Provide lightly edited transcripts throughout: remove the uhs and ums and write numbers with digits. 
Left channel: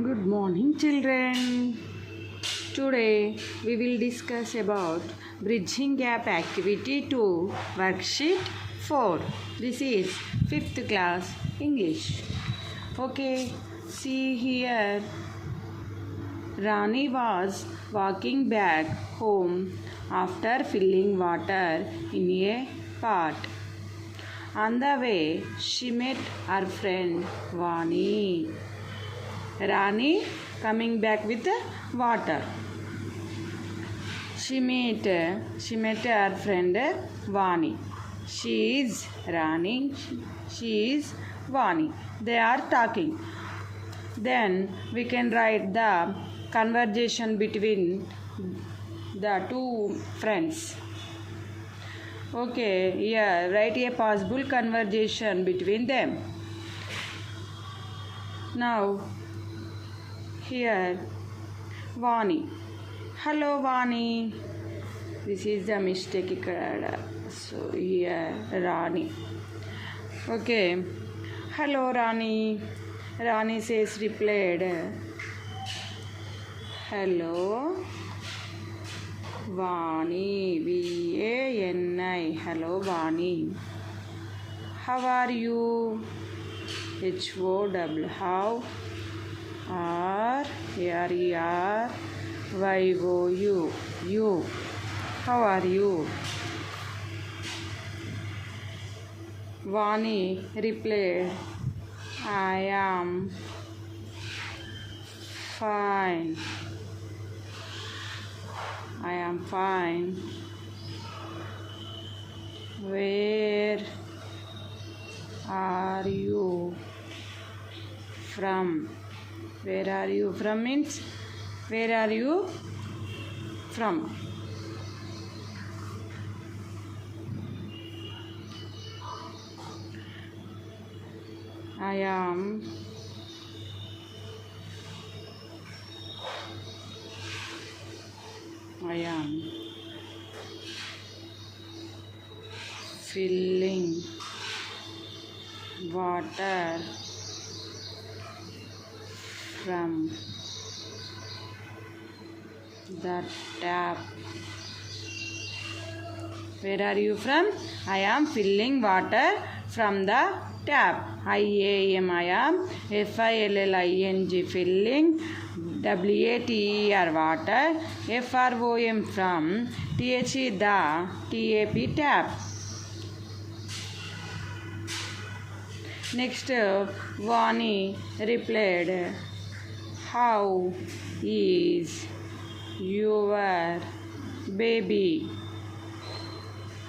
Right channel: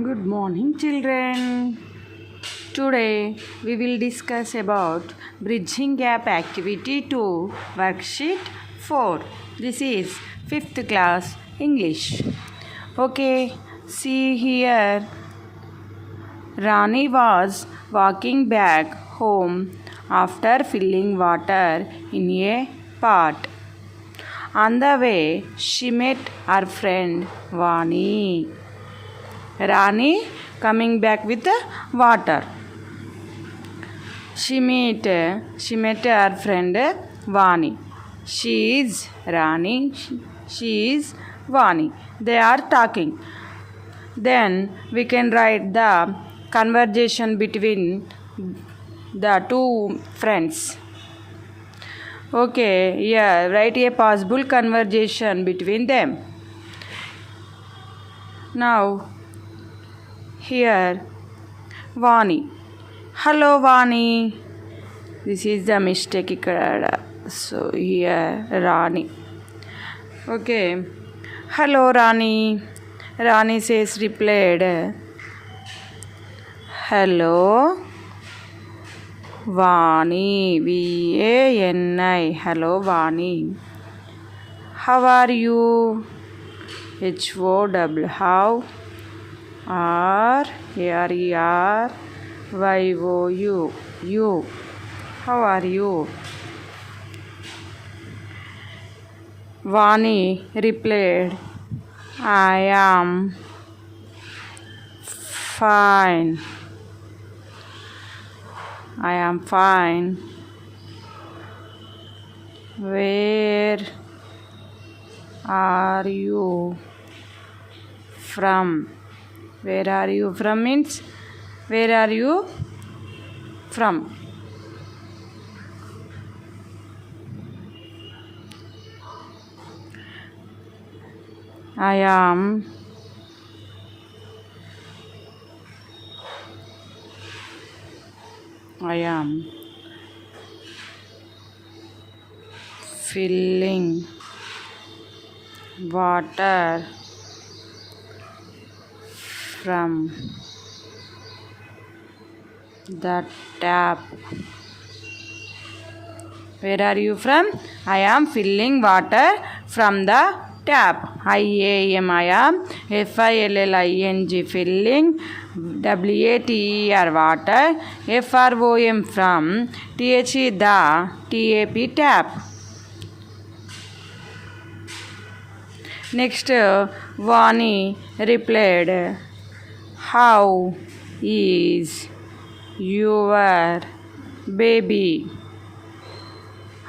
Good morning, children. Today we will discuss about bridging gap activity 2, worksheet 4. This is 5th class English. Okay, see here. Rani was walking back home after filling water in a pot. On the way, she met her friend Vani. Rani coming back with water. She met her friend Vani. She is Rani. She is Vani. They are talking. Then we can write the conversation between the two friends. Okay, yeah, write a possible conversation between them. Now, here, Vani. Hello, Vani. This is the mistake ikkada. So, here, Rani. Okay. Hello, Rani. Rani says, replied. Hello, Vani. Vani. Hello, Vani. How are you? HOW. How? RARERYOU. You. How are you? Vani replied, I am fine. I am fine. Where are you from? Where are you from means where are you from? I am filling water from the tap. Where are you from? I am filling water from the tap. I am FILLING filling. WATER water. FROM from. THE the TAP tap. Next, Vani replied, how is your baby?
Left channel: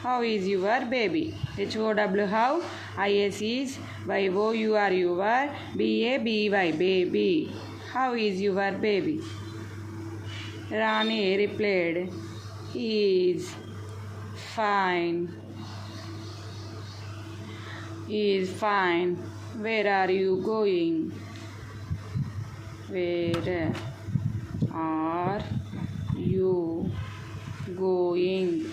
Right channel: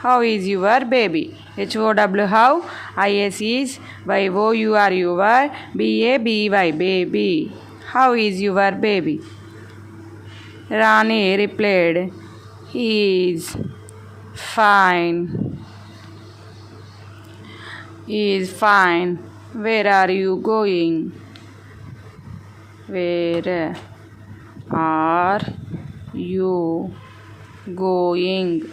How is your baby? HOW how? IS is YOUR your BABY baby. How is your baby? Rani replied, he is fine. He is fine. Where are you going? Where are you going?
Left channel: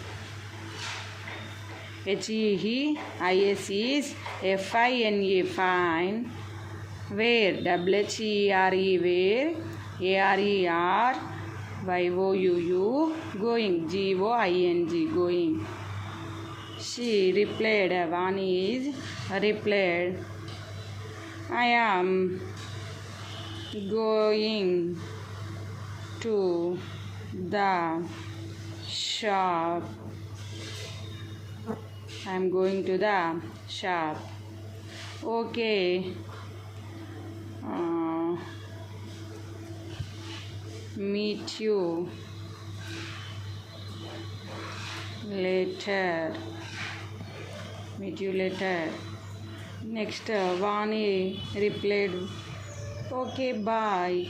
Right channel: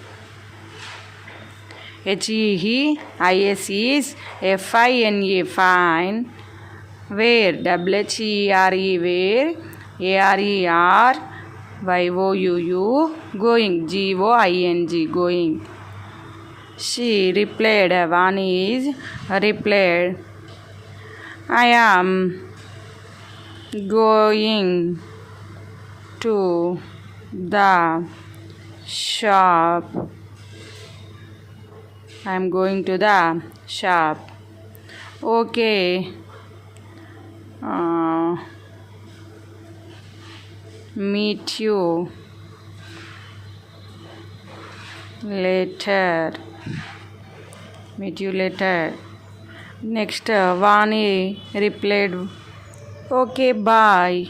HEIS is FINE fine. Where? WHERE where? ARERYOUU going. GOING going. She replied, Vani is replied, I am going to the shop. I am going to the shop. Okay. Meet you later. Meet you later. Next, Vani replied, okay, bye.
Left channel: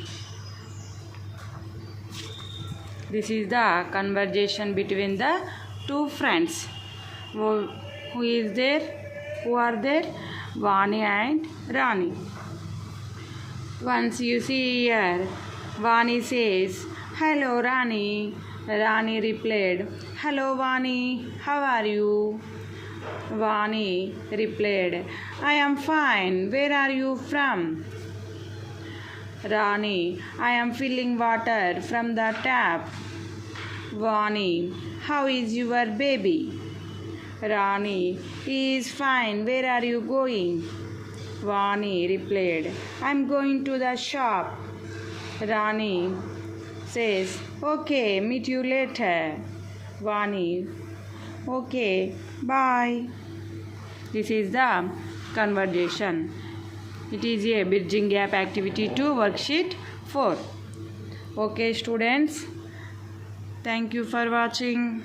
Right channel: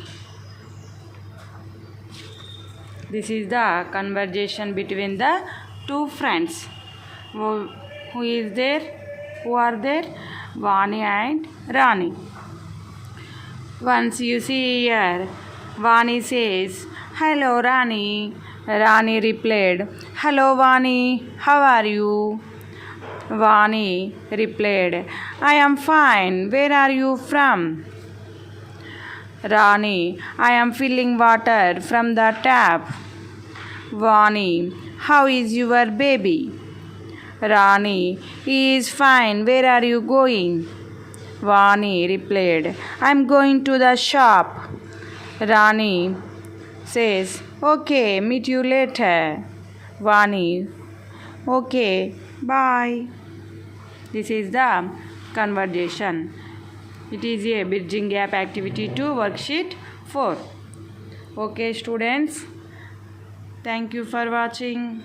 This is the conversation between the two friends. Who is there? Who are there? Vani and Rani. Once you see here, Vani says, hello, Rani. Rani replied, hello, Vani. How are you? Vani replied, I am fine. Where are you from? Rani, I am filling water from the tap. Vani, how is your baby? Rani, he is fine. Where are you going? Vani replied, I am going to the shop. Rani says, okay, meet you later. Vani, okay, bye. This is the conversation. It is a bridging gap activity 2 worksheet 4. Okay students, thank you for watching.